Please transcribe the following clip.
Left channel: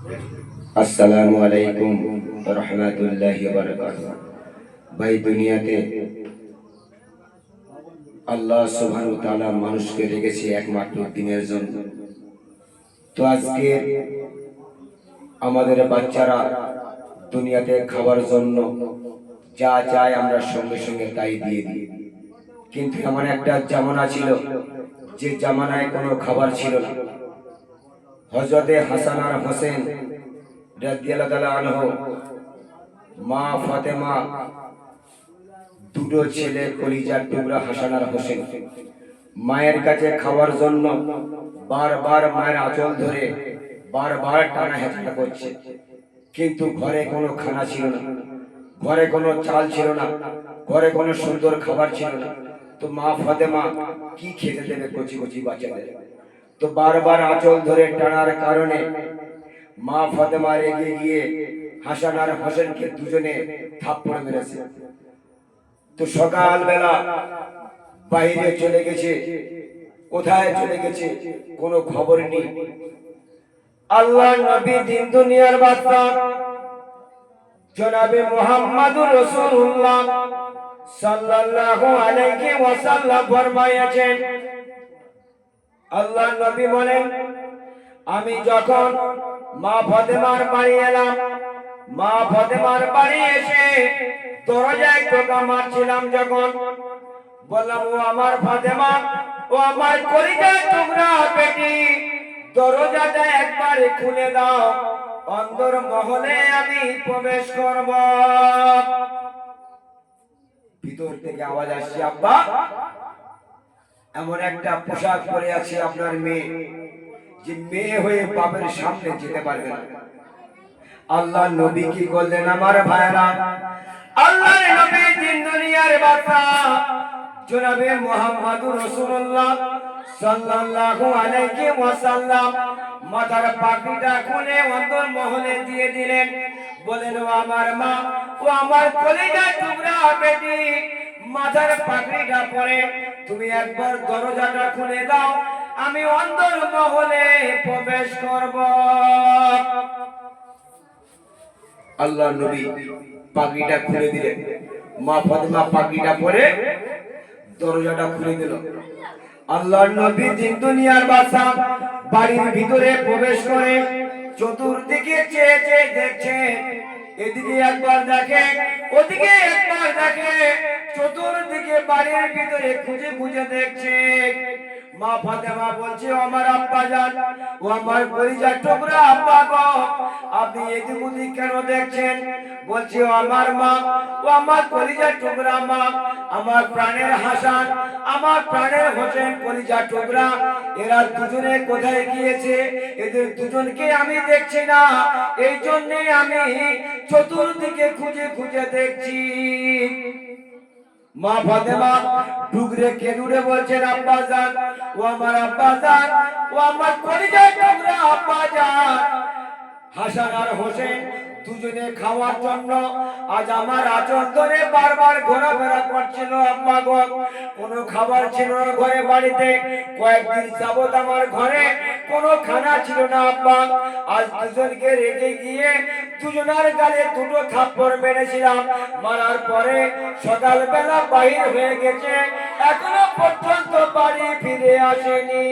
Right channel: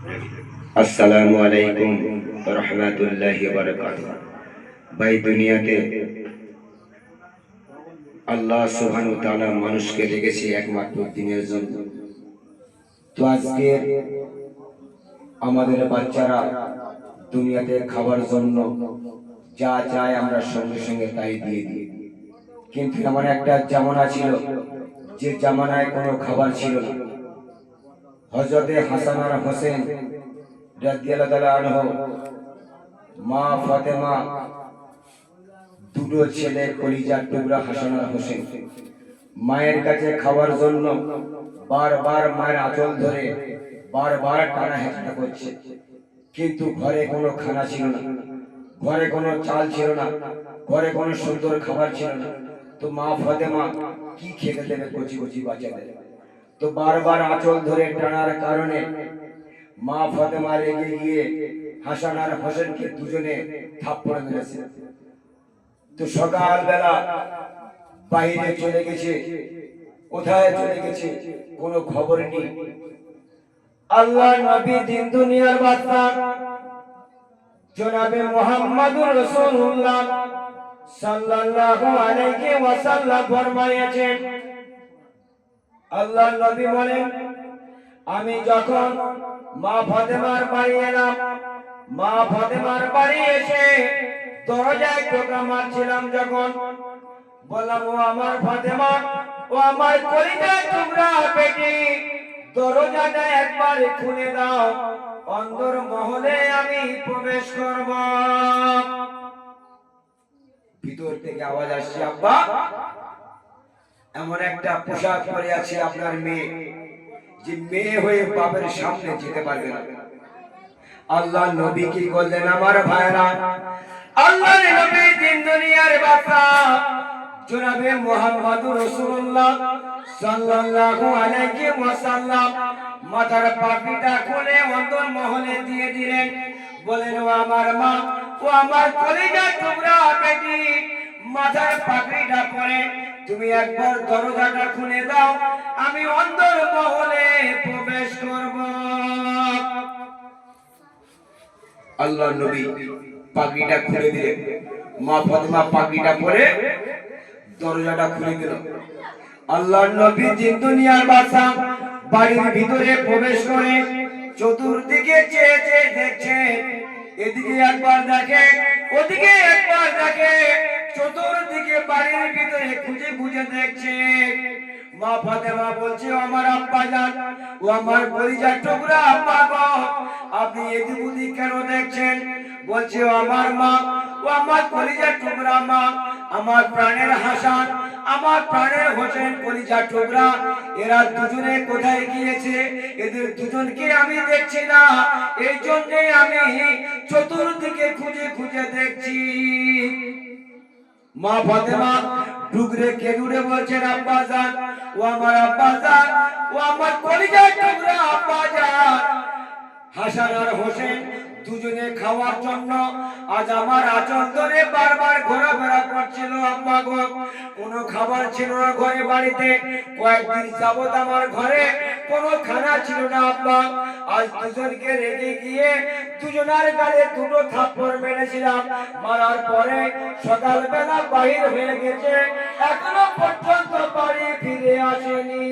আসসালামু আলাইকুম রহমতুল্লাহি ওয়া বারাকাতুহু। ভাই, দুনিয়াতে আল্লাহ সুবহানাহু ওয়া তাআলা মানুষকে রেখেছে একমাত্র দিনের জন্য। তো আজকে আমাদের বাচ্চারা দুনিয়াতে খাবার জন্য যা চায় আমরা সঙ্গে সঙ্গে তাই দিয়ে দিই। কিন্তু এমন একটা জামানা ছিল যে জামানায় কোনো খাবার ছিল না। হযরতে হাসান আর হোসেন রাদিয়াল্লাহু তাআলা আনহু, মা ফাতেমা, দুটো ছেলে কলিজার টুকরা হাসান আর হোসেন মায়ের কাছে খাওয়ার জন্য বারবার মায়ের আঁচল ধরে বারবার টানা হেঁচড়া করছে। কিন্তু ঘরে কোনো খানা ছিল না, ঘরে কোনো চাল ছিল না, ঘরে কোনো সুন্দর খাবার ছিল না। তো মা ফাতেমা কি খেতে দেবে কচি কচি বাচ্চাদের? তো বারবার আঁচল ধরে টানার কারণে মা ফাতেমা রেগে গিয়ে হাসান আর হোসেনকে দুজনে থাপ্পড় মেরেছে। তো সকালবেলা বাইরে চলে গেছে, কোথায় চলে গেছে কোনো খবর নেই। আল্লাহর নবী দিন দুনিয়ার বাদশা জনাবে মুহাম্মদুর রাসূলুল্লাহ সাল্লাল্লাহু আলাইহি ওয়াসাল্লাম ফরমায়েছেন, আল্লাহর নবী বলেন, আমি যখন মা ফাতেমার বাড়ি এলাম, মা ফাতেমার বাড়ি এসে দরজায় টোকা মারছিলাম, যখন বললাম, ও আমার ফাতেমা, ও আমার কলিজার টুকরা বেটি, দরজাটা একবার খুলে দাও, অন্দর মহলে আমি প্রবেশ করব। ভিতর থেকে আওয়াজ আসছে, আব্বা, এমন একটা পোশাক পরে আছে আপনার মেয়ে, যে মেয়ে হয়ে বাপের সামনে যেতে পারবে না। আল্লাহ নবী কি করলেন আমার ভাইরা? আল্লাহর নবী দিন দুনিয়ার বাদশা জনাবে মুহাম্মদুর রাসূলুল্লাহ সাল্লাল্লাহু আলাইহি ওয়াসাল্লাম মাথার পাগড়িটা খুলে অন্তর মহলে দিয়ে দিলেন। বলেন, ও আমার মা, ও আমার কলিজার টুকরা বেটি, মাথার পাগড়িটা পরে তুমি একবার দরজাটা খুলে দাও, আমি অন্তর মহলে প্রবেশ করব। আল্লাহ নবী পাগড়িটা খুলে দিলেন। মা ফাতেমা পাগড়িটা পরে দরজাটা খুলে দিল। আল্লাহ নবী দিন দুনিয়ার বাদশা বাড়ির ভিতরে প্রবেশ করে চতুর্দিকে চেয়ে চেয়ে দেখছে। এদিকে একবার দেখে, ওদিকে একবার দেখে, চতুর্দিকে বাড়ির ভিতরে খুঁজে খুঁজে দেখছে। মা ফাতেমা বলছে, ও আমার আব্বা জান, ও আমার কলিজার টুকরা আব্বা গো, আপনি এদিক ওদিক কেন দেখছেন? বলছে, ও আমার মা, ও আমার কলিজার টুকরা মা, আমার প্রাণের হাসান, আমার প্রাণের হোসেন কলিজার টুকরা, এরা দুজনে কোথায় গিয়েছে? এদের দুজনকে আমি দেখছি না, এই জন্য আমি চতুর্দিকে খুঁজে খুঁজে দেখছি। মা ফাতেমা ডুগরে কেঁদুরে বলছেন, আব্বা জান, ও আমার আব্বা জান, ও আমার কলিজার টুকরা আব্বা জান, হাসান আর হোসেন দুজনে খাওয়ার জন্য আজ আমার আঁচল ধরে বারবার ঘোরাফেরা করছিল। আব্বা গো, কোনো খাবার ছিল না ঘরে, বাড়িতে কয়েকদিন যাবত আমার ঘরে কোনো খানা ছিল না আব্বা। আজ দুজনকে রেখে গিয়ে দুজনের গালে দুটো থাপ্পড় মেরেছিলাম, মারার পরে সকালবেলা বাহির হয়ে গেছে, এখনো পর্যন্ত বাড়ি ফিরে আসেনি।